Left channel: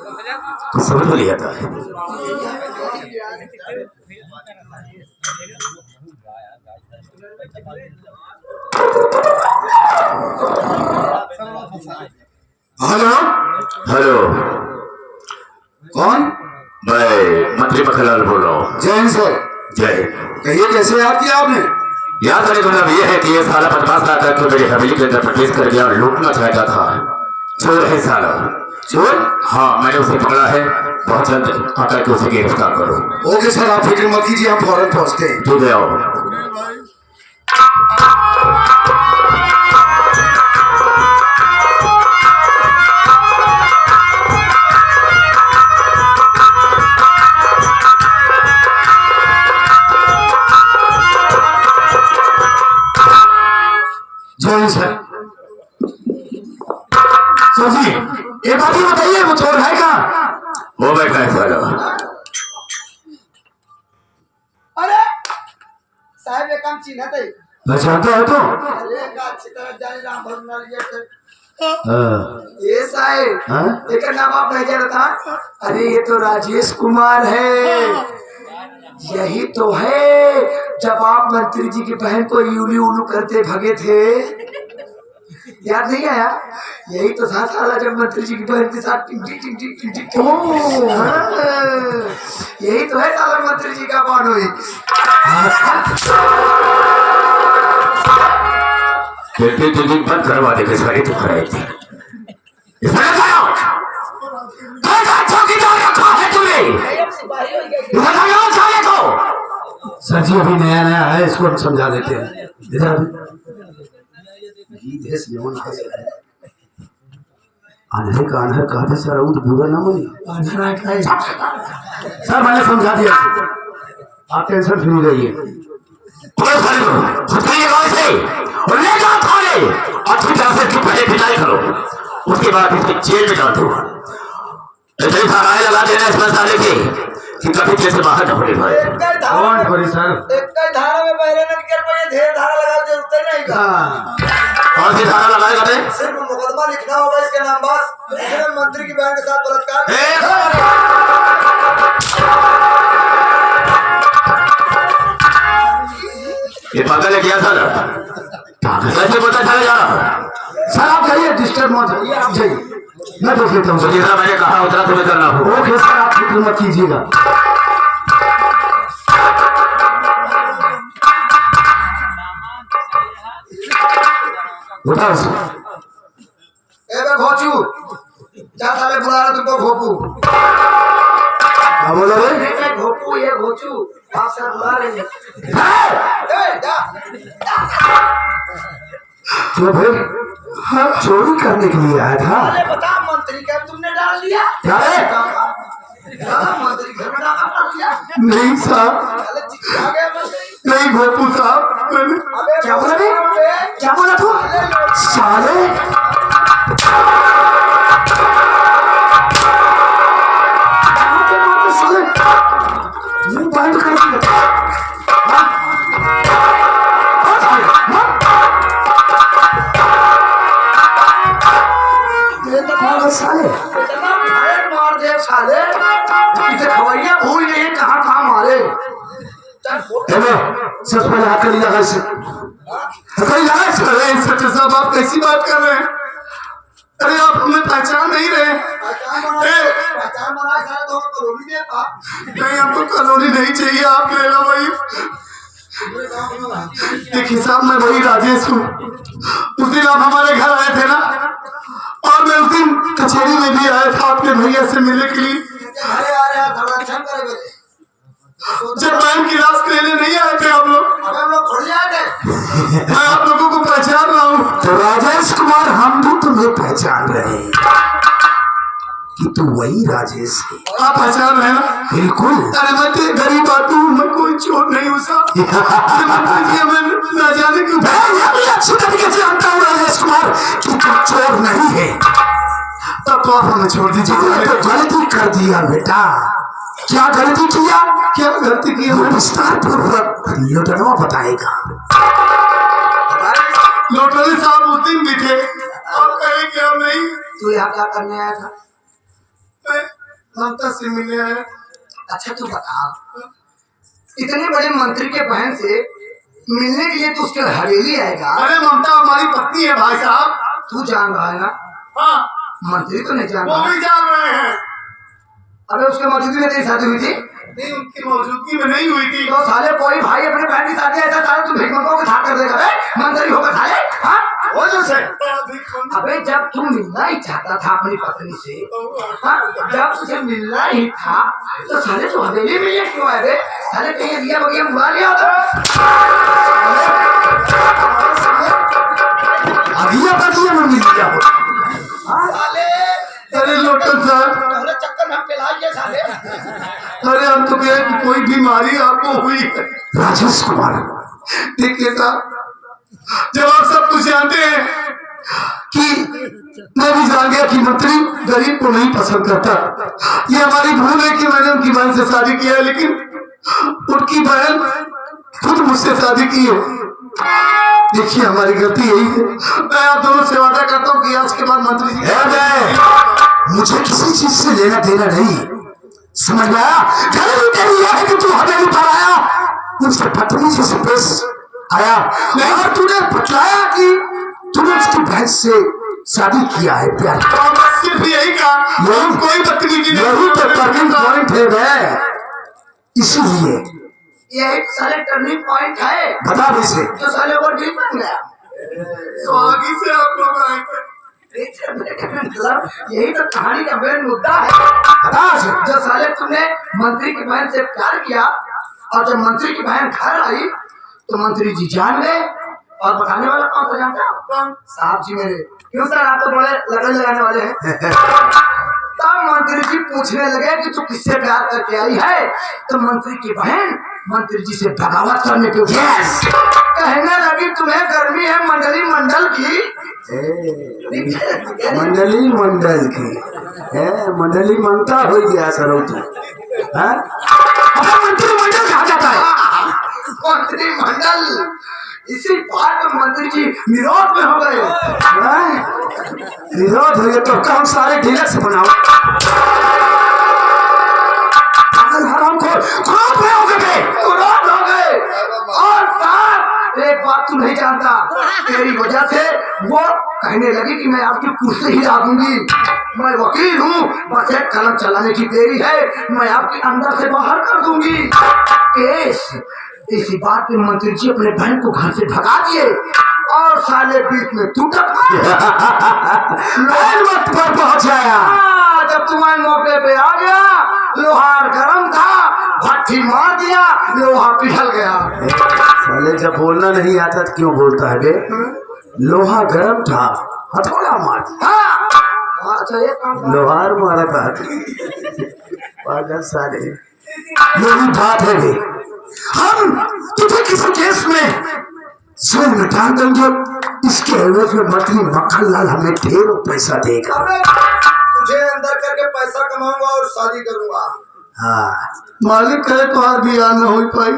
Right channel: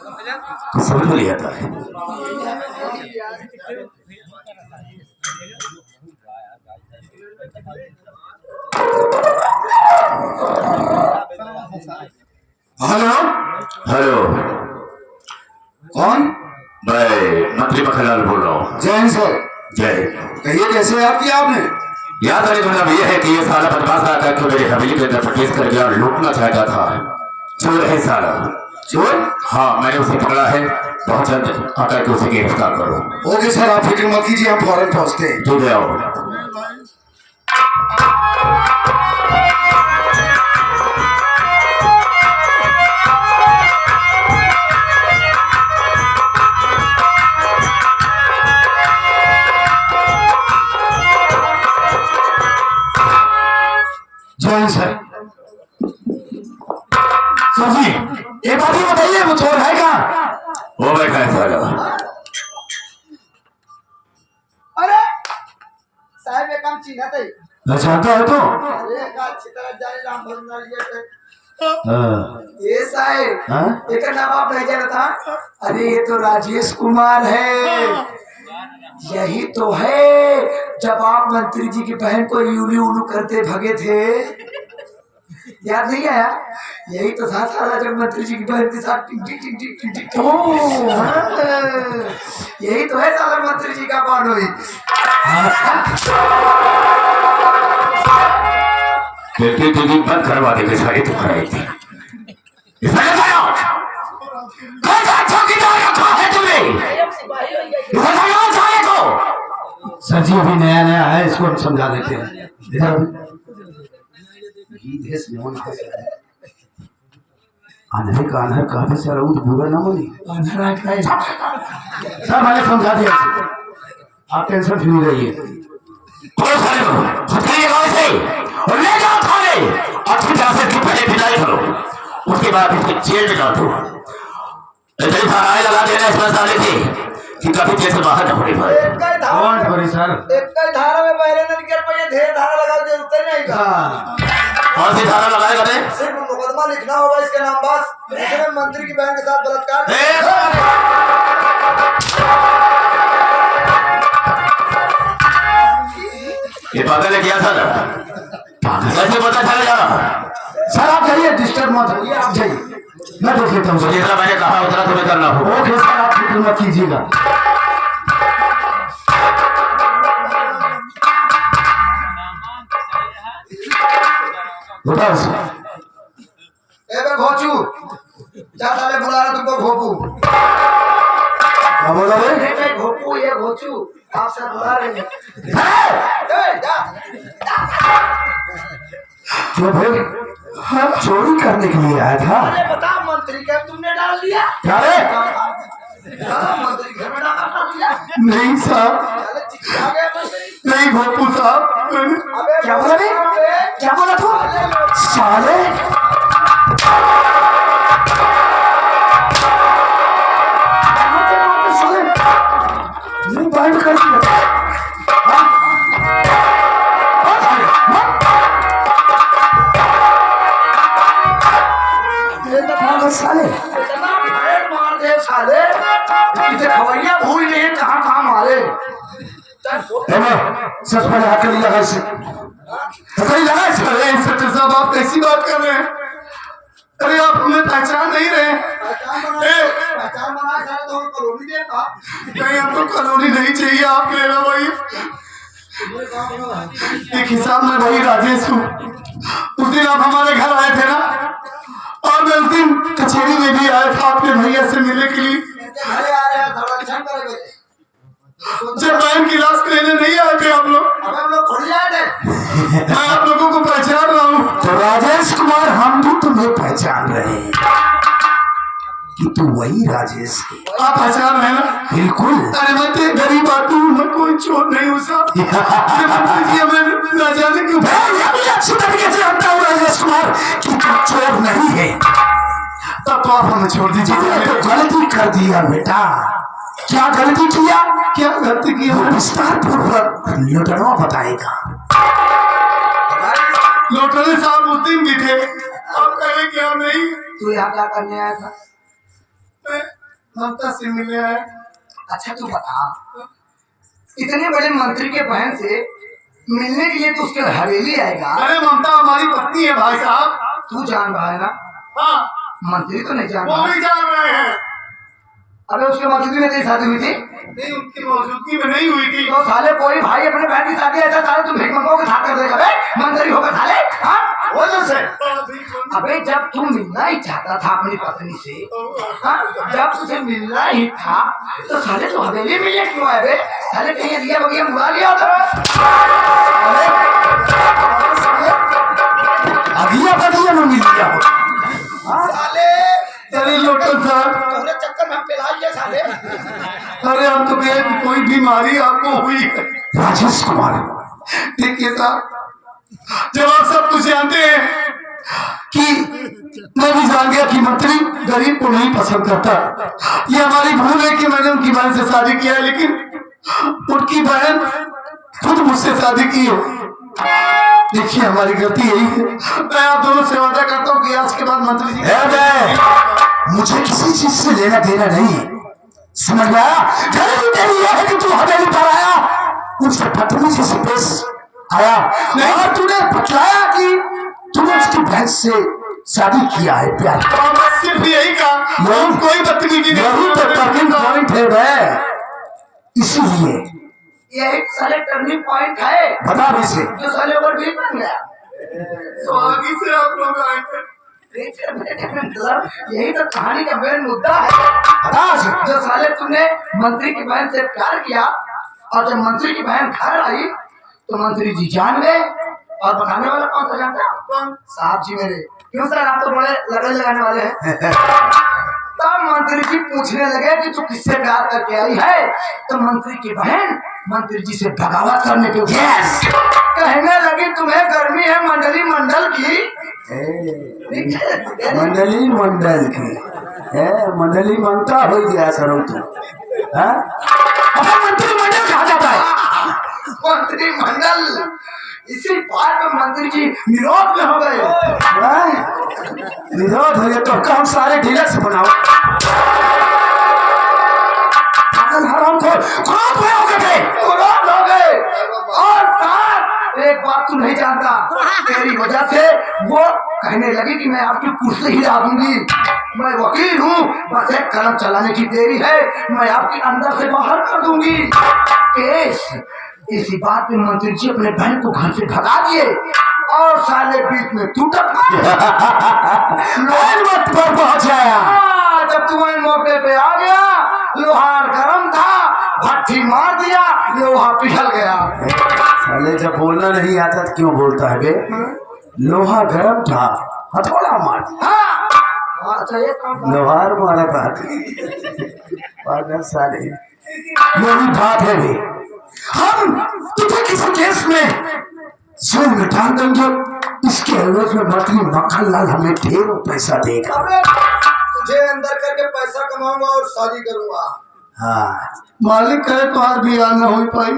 तो समझ में नहीं आता है। हेलो हेलो, कौन? मैं मंत्री मखनलाल बोल रहा हूँ। जय हिंद सर। जय। कहिए कैसे याद किया आपने? याद करने का मतलब ये है कि ये साला बदमाश आता तो मेरी हवेली के अंदर प्रवेश कर गया और लूटना चाहता था। चोर है साला। चोर? हाँ, मैंने उसे पकड़ा है। बहुत जल्द आकर के उसे गिरफ्तार करो। ओके सर, आप फिक्र मत कीजिए, हम फौरन पहुंचते हैं। तू ले आओ। जय हिंद सर। सर जी, एक बात ही बताइए, वो चोर है कहाँ? वो बैठा है साला। अरे साहब एक काम चिन्ह थे। पहचानता है तो? अरे का अच्छी तरह जाने राम भगवान ये साहब एक नाम आप नहीं जाना था। अरे ये तो राजेश कुमार है। यही तो है जब आप मंत्री जी की बहन को यूलू उलू करते भगे थे, याद नहीं आया? यही तो था साला जब मंत्री जी की बहन के साथ टिंग टिंग टिंग टिंग टिंग टिंग। यही तो है साला मंत्री जी का बानोई। खिड़की तुझी बंद करवा देंगे सारे तो खड़े थे। सर जी अभी नया नया है, इसको हम समझा देते हैं। इधर आंधे का आंधर काफी सारा उद बुरा ना बनी। सर मैंने समझा दिया, आप टेंशन फ्री रहिए। अच्छी तरह से पहले भिलाई करो, उसके बाद इसके जेल में डाल दो। ऐसे ही थानाएं लगा देना इस मसाले से कि कभी जैसे बाहर न पड़े भाई। एक धारा में पहले न निकल पाए, ढेर धारा लगाओ जरूरत ही नहीं का। कौन सी धारा लगाएगा बे? सिर्फ मुकदमा लिखना होगा इसके नाम बस, जिसमें मंत्री की बहन के साथ बलात्कार। ये पागल है क्या साला? कैसे पता चला जा रहा? सर आप जाइए, डिस्टर्ब मत होइए, आप जाइए, मैं देख लेता हूँ। जैसा मैंने कहा उतना तुम्हें करना हो। ओके सर, आप फिक्र मत कीजिएगा। बताओ सर। ए बे घोचू, जा साले बुला रहा तुमको घोपू। क्या बोला भाई? ये घोपू ये घोचू आपसे बुला रहे हैं। ए जा। क्यों भाई? हाँ, चोरी करने के लिए आया था। अरे बता मंत्री का तुमने डाल दिया क्या है? मंत्री घर में डाल दिया। नहीं साहब, चले चिट्ठी आ गए मंत्री। नहीं भोपू साहब। अबे क्या बोला रे? क्या बोला तू? साले मुंह बंद कर दिया। साले इतना फायर मार दे साले, इधर खवैया भूल गए कहाँ कहाँ मारे। सच में आकर लगा इसे, साहब आप कैसी बात कर रहे हैं? अरे आप हमें पहचान नहीं रहे। पहचान बनाए सारे तो हमें कॉलोनी देता। नहीं, हमको कॉलोनी नहीं चाहिए, आप ले लो भाई। एक हिसाब में वही राजेश हूँ। उस दिन आप हमारे घर आए थे ना, और मैं उस दिन कचहरी में भी आया था आपके भैया से मिलने के लिए। घरे आ रहे हैं धड़ाधड़ करे मेरे। जब बैंक की रात लेने नहीं आए थे आप लोग, अबे हम लोग खुल जाए थे। मैं आप लोगों को पहचान रहा हूँ। तो राजेश कुमार, हम भी तुम्हें पहचान रहे हैं कि तू वही राजेश है। आप पहचान रहे ना? बिल्कुल। अरे मैं तो गरीब आदमी हूँ, मैं कोई चोर नहीं हूँ साहब। न जाने क्यों अच्छी तरीके से जानता हूँ राजेश कुमार कि तू चोर नहीं है। तब तो आप हमें छोड़ दीजिए। तो गलती कर दिया बेटा। क्या गलती किया? क्या गलती किया? विस्तार पूर्वक लुटनवा बताएगा। लोटरी साहब उस दिन भी थे, आप कहेंगे हम नहीं। तू यहाँ क्या करने आया था? ममता से मिले हैं। अच्छा तू बता, इतने बड़े मंत्री के बहन से मिलने के लिए तो उसके हवेली आएगा। अरे ममता हमारी पत्नी है भाई साहब। तू जान रहा है ना? हाँ मंत्री तो नहीं जान वो रहा। भी जान रहे हैं। अबे उसके मौजूदगी में तेरी शादी हुई थी? नहीं उनकी मौजूदगी में नहीं हुई थी। तो साले कोई भाई अपने बहन की शादी ऐसा साले तू भिखमंगों के साथ कर देगा बे? मंत्री होकर साले, हाँ? हो जैसे अबे जब तू मिलना ही चाहता था अपनी पत्नी से, हाँ? जब तुझे मिलना ही था तो साले तू हवेली में ये क्यों आए बे? साले कहीं लिया बगिया मुआ लिया था? अगिया बगिया में मिल गया हो। साले अरे लोटन साहब, तोरे चक्कर में हम पिलाइए साले। अरे हम तो कहे कि कोई बीमारी आपको हुई है। राजेश कुमार, ठीक है साहब, जब आप सब कुछ जानते हैं कि मैं भी जान गया कि मंत्री गरीब को नहीं पसंद करता। ये हमारी भूल है कि मैंने उनकी बहन से शादी किया है, लेकिन उनकी बहन खुद मुझसे शादी की है। देखिए हमारी गलती यही है। मैं आप दोनों से वादा करता हूँ कि आज के बाद मंत्री जी मुझे किसी चीज से लेना देना नहीं, समझ में आया? गलती तेरी यह है कि तू हवेली पर आया, मुझसे पत्नी से पेश आया और तूने बतलाया कि तूने उसकी बहन से शादी किया है। प्यार सिर्फ यही कहा, यही कोई बदतमीजी नहीं। यही तो टर्निंग पॉइंट है बे। इसीलिए यही तो साले टर्निंग पॉइंट है बता दे से जो साले ऊपर डील बन गया। तो आगे से आप लोग आए थे। मतलब यही तो कहानी का मेन मुद्दा है। बता से। जो साले तुमने मंत्री की बहन से प्यार किया और जब मंत्री की बहन घर आई तो मंत्री जी जान गए। और बताने वाला कौन सा जानता है? कौन? साहब जी मेरे। क्यों सर, आप तो बड़े लगे लगाने वाले हैं। तब मंत्री जी पूछने लगे कि तू किससे प्यार करके आई है? तो मंत्री की बहन मंत्री जी से बगावत करने पे यस कहने लगी तुम्हें गर्मी है मंडली मंडल की। मंडली मंडल की मंडली मंगता हो गया सर मंत्री मंडल कहा जाता है। मंत्री मंडल। इसी बात पर मंत्री जी विरोध में हो गए। विरोध हो गया तो काम सारे डीलर से बनाओ। विरोध हो गए और साथ एक बात तू नहीं जानता, तेरी वजह से वो कहने लगी कि मैं आपकी कुर्सी ही दूंगी। मैं वकील हूँ, बस एक कलम चलाने की देरी है, मैं आपकी अंदर से बाहर कर दूंगी केस। इसी बात पे मंत्री जी अपने बहन को घर से भगा दिए और साले बीच में टूटा पर पहुंचाया। जब तुम्हारे मौके पे आ गया, लोहार गरम था, भट्टी मार दिया, लोहा पिघल गया। साले जब बोलना नहीं आता तो क्यों बोलता है बे? लोहा गर्म था, हथौड़ा मार दिया। लोहार मारा था साले। यही बात है बे। हम तुझे किसी केस में जेल में डाल देंगे, इसके एवज में मंत्री मक्खन लाल हमें ढेरों पैसा देगा। तुझे अंदर करके पैसा कमाऊंगा और शादी करूंगा। हाँ मालिक कहे तो और भी ना हो पाई।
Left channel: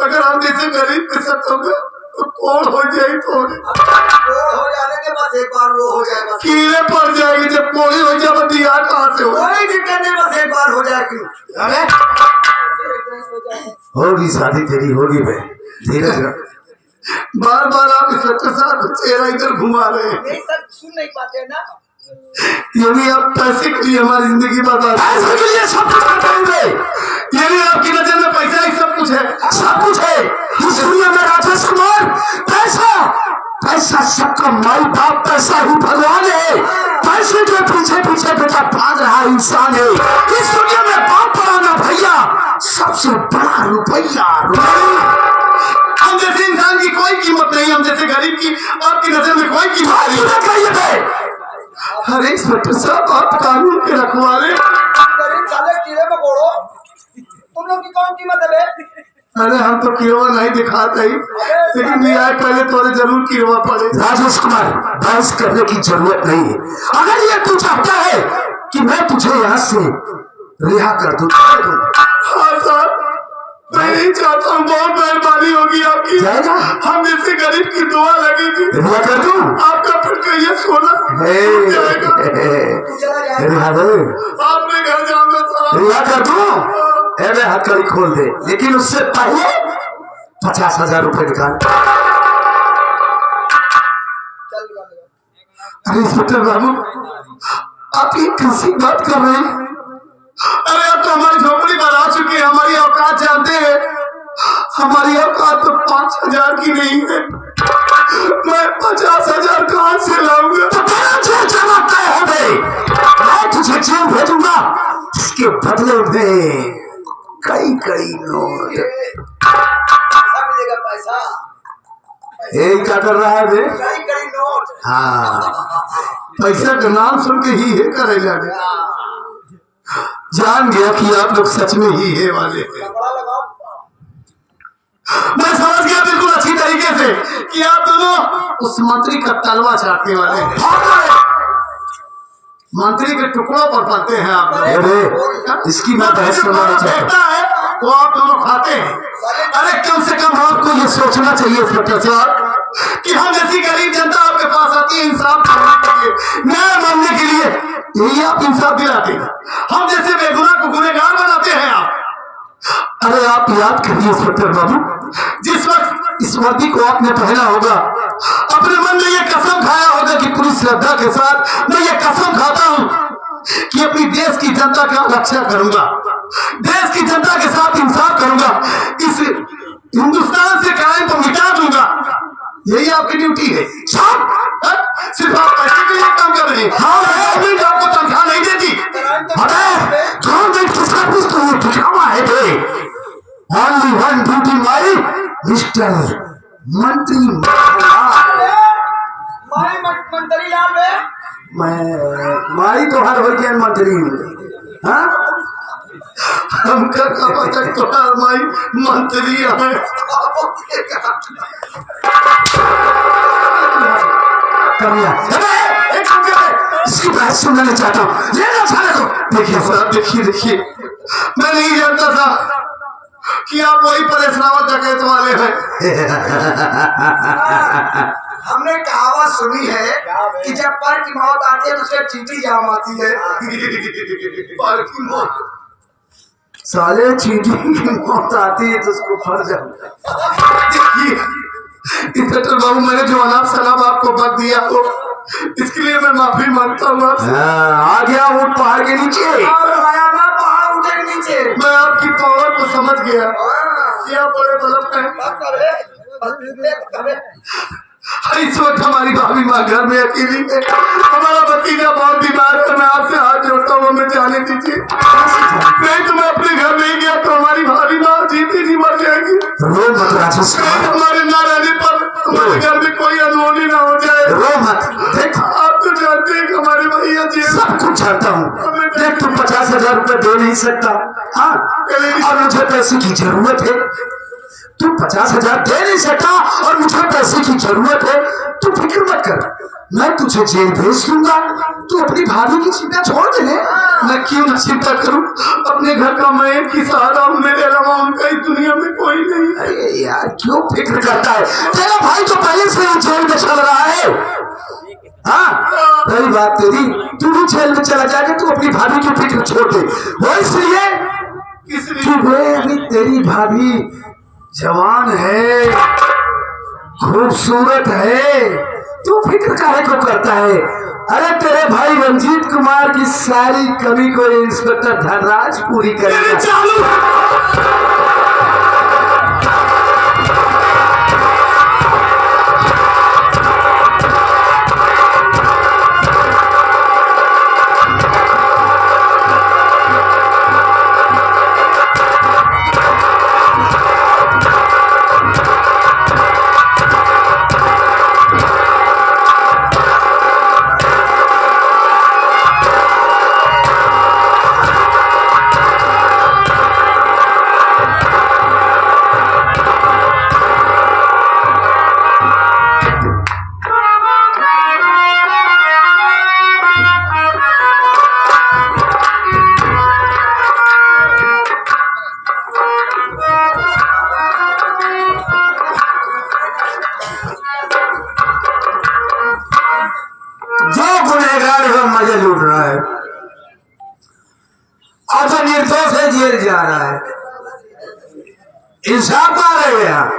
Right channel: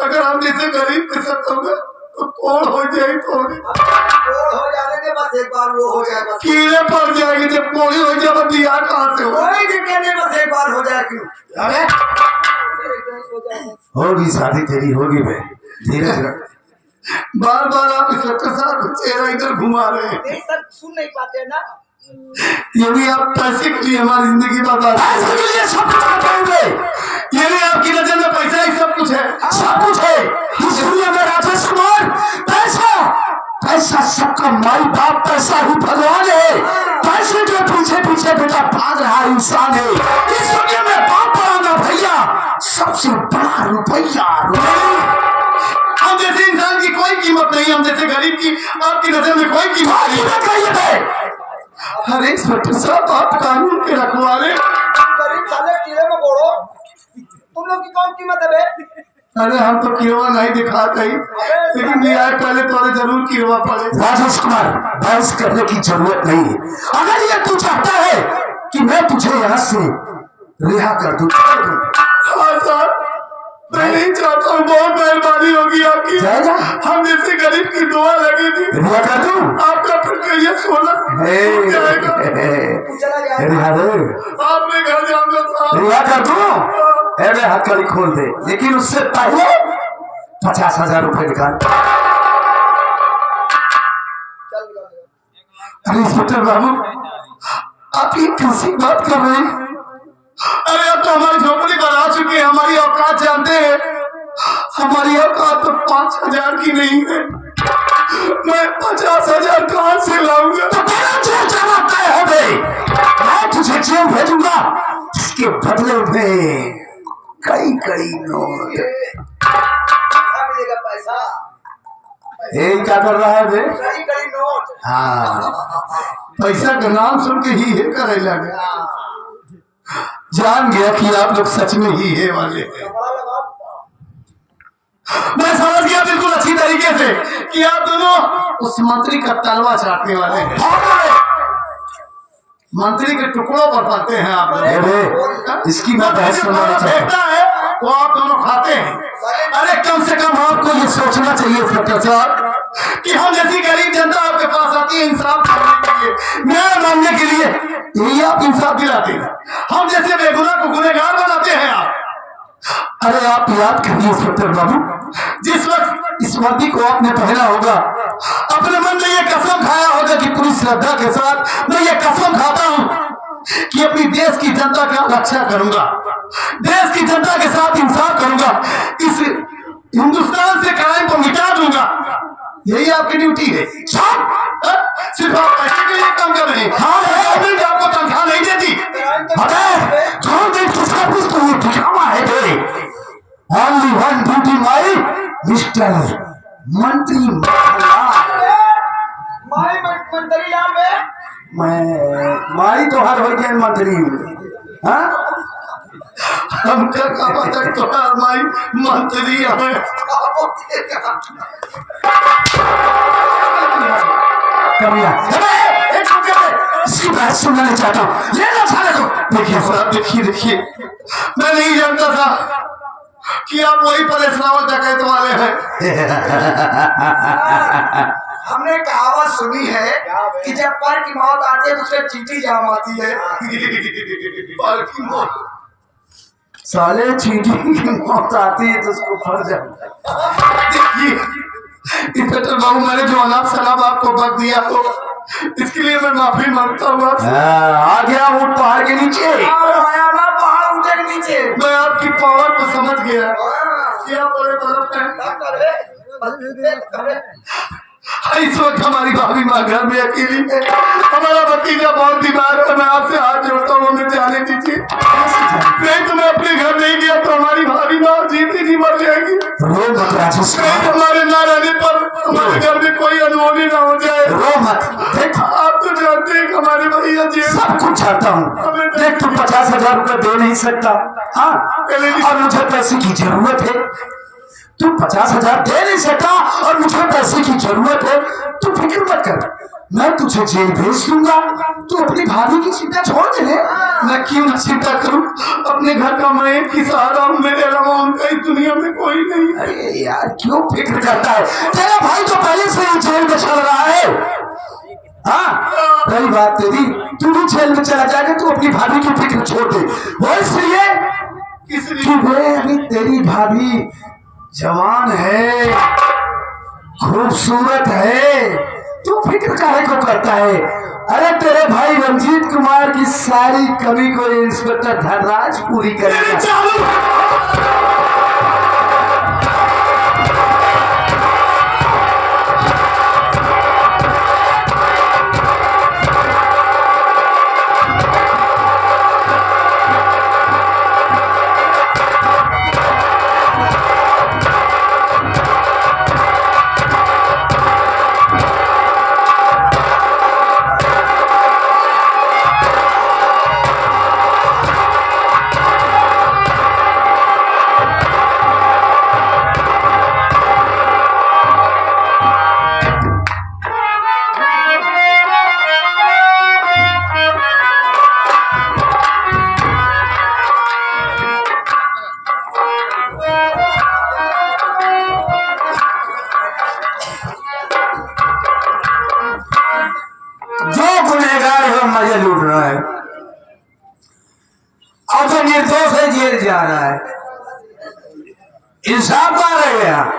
अगर हम जैसे गरीब के साथ होगा तो कौन हो जाए तो हो जाने के बाद एक बार वो हो जाएगा, कीड़े पड़ जाएगी। जब कोड़ी हो जाए तो दिया कहाँ से हो? कोई दिक्कत नहीं, बस एक बार हो जाएगी। होगी शादी तेरी होगी बे, धीरज रख। बार बार आप इंस्पेक्टर साहब चेहरा इधर घुमा रहे हैं। नहीं सर, सुन नहीं पाते ना। यदि आप पैसे के लिए हमारी जिंदगी बर्बाद पैसे के लिए सब कुछ करते होंगे। यदि आपकी नजर में पैसा ही सब कुछ है, सब कुछ है इस दुनिया में राजेश कुमार। पैसा पैसा सबका माई बाप, पैसा ही भगवान है। पैसे के पीछे पीछे बेटा भाग रहा इंसान है। इस दुनिया में बाप बड़ा भैया, सबसे बड़ा रुपया। हम जैसे इंसान की कोई कीमत नहीं, हम जैसे गरीब की आपकी नजर में कोई कीमत नहीं। अरे इंस्पेक्टर साहब, आप कानून के रखवाले। गरीब साले कीड़े मकोड़ो, तुम लोग की कौन कीमत है बे? अरे हम तो किरवा नहीं दिखाते ही, लेकिन न्याय पहले तोरे जरूर किरवा पड़े। राजेश कुमार, बहस करने की जरूरत नहीं है। अगर ये तू चाहता है कि मैं तुझे यहाँ से रिहा कर दूं, हाँ साहब, मैं नहीं चाहता हूँ। बहुत मेहरबानी होगी आपकी। जाएगा? हम जैसे गरीब की दुआ लगेगी। रिहा कर दूं? आपका फिर कहिए सोना हे, जाएगा। तू चला जाएगा। रिहा दे। आपने घर जाना रिहा कर दूं? अरे हथकड़ी खोल दे, लेकिन उससे पहले 50,000 रुपए निकाल। अरे इंस्पेक्टर बाबू, आप ये कैसी बात कर रहे हैं? अरे अब तो हमारी झोपड़ी पर आ चुकी है, हमारी औकात जानते हैं। हमारी औकात तो 5,000 की नहीं है। मैं 50,000 कहां से लाऊंगा? तो तेरा जेल जाना तय है बे। मैं तुझे जेल भेजूंगा, इसके बदले में कई कई नोट। मिलेगा पैसा, यही क्या कर रहा है बे? कई कई नोट। हाँ, पैसा का नाम सुन के ही है करेगा। जान गया कि आप लोग सच में ही है वाले हैं। कपड़ा लगाओ। मैं समझ गया बिल्कुल अच्छी तरीके से कि आप दोनों उस मंत्री का तलवा चाटने वाले हैं। मंत्री के टुकड़ों पर पलते हैं आप लोग। अरे इसकी मैं बहस करना फेंकता चाहता है वो आप दोनों खाते हैं। अरे कम से कम आपको ये सोचना चाहिए इंस्पेक्टर साहब कि हम जैसी गरीब जनता आपके पास आती है इंसाफ करने के लिए, न्याय मांगने के लिए, यही आप इंसाफ दिलाते हैं। हम जैसे बेगुनाह को गुनहगार बनाते हैं आप। अरे आप याद करिए इंस्पेक्टर बाबू, जिस वक्त इस वर्दी को आपने पहना होगा, अपने मन में ये कसम खाया होगा कि पूरी श्रद्धा के साथ मैं ये कसम खाता हूं कि अपनी देश की जनता का रक्षा करूंगा, देश की जनता के साथ इंसाफ करूंगा, इस हिंदुस्तान से क्राइम को मिटा दूंगा। यही आपकी ड्यूटी है। सिर्फ आप पैसे के लिए काम कर रहे हैं। गवर्नमेंट आपको तनख्वाह नहीं देती। गवर्नमेंट की सर्विस तो ये दिखावा है बे। Only one duty my mister मंत्री मंत्री लाल बे। मैं माई तो हर हो गया मंत्री। हाँ, हमका का पता तोहार माई मंत्री है। कमिया इसकी बहस सुनना नहीं चाहता हूँ। लेना सारे को। देखिए साहब, देखिए मैं नहीं जानता था कि आप वही परेश रावत डकैत वाले हैं। हमने कहावत सुनी है कि जब पर की मौत आती है तो उससे चींटी जाम आती है। पर की मौत, साले चींटी की मौत आती है तो उसको फर जाए। देखिए इंस्पेक्टर बाबू, मैंने जो अनाप शराब आपको बक दिया हो, इसके लिए मैं माफी मांगता हूँ आपसे। आ गया वो पहाड़ के नीचे। पहाड़ उठे के नीचे। मैं आपकी पावर को समझ गया। क्या बड़े बलब है। इस वक्त हमारी भाभी माँ घर में अकेली है। हमारा भतीजा बहुत बीमार है। मैं आपसे हाथ जोड़ता हूँ, हमें जाने दीजिए। नहीं तो मैं अपने घर नहीं गया तो हमारी भाभी माँ जीती जी मर जाएगी। रो मत राजेश, हमारे ना रहने पर हमारे घर में कोई अनहोनी ना हो जाए। रो मत। देख आप तो जानते हैं कि हमारे भैया जी सब कुछ चाहता हूँ। देख तू 50,000 रुपए दे नहीं सकता। हाँ, और मुझे पैसे की जरूरत है। तू 50,000 दे नहीं सकता और मुझे पैसे की जरूरत है। तू फिक्र मत कर, मैं तुझे जेल भेज दूंगा। तू अपनी भाभी की चिंता छोड़ दे। मैं क्यों न चिंता करूं? अपने घर का मैं एक ही सहारा हूं, मेरे अलावा उनका इस दुनिया में कोई नहीं। अरे यार क्यों फिक्र करता है? तेरा भाई तो पहले से ही जेल में चल रहा है। हाँ, रही बात तेरी, तू भी जेल में चला जाएगा। तू अपनी भाभी की फिक्र छोड़ दे। वो इसलिए कि अभी तेरी भाभी जवान है, खूबसूरत है। तू फिक्र काहे को करता है? अरे तेरे भाई रंजीत कुमार की सारी कमी को इंस्पेक्टर धनराज पूरी करेगा। और तो निर्दोष है जेल जा रहा है। इंसाफ आ रहे हैं।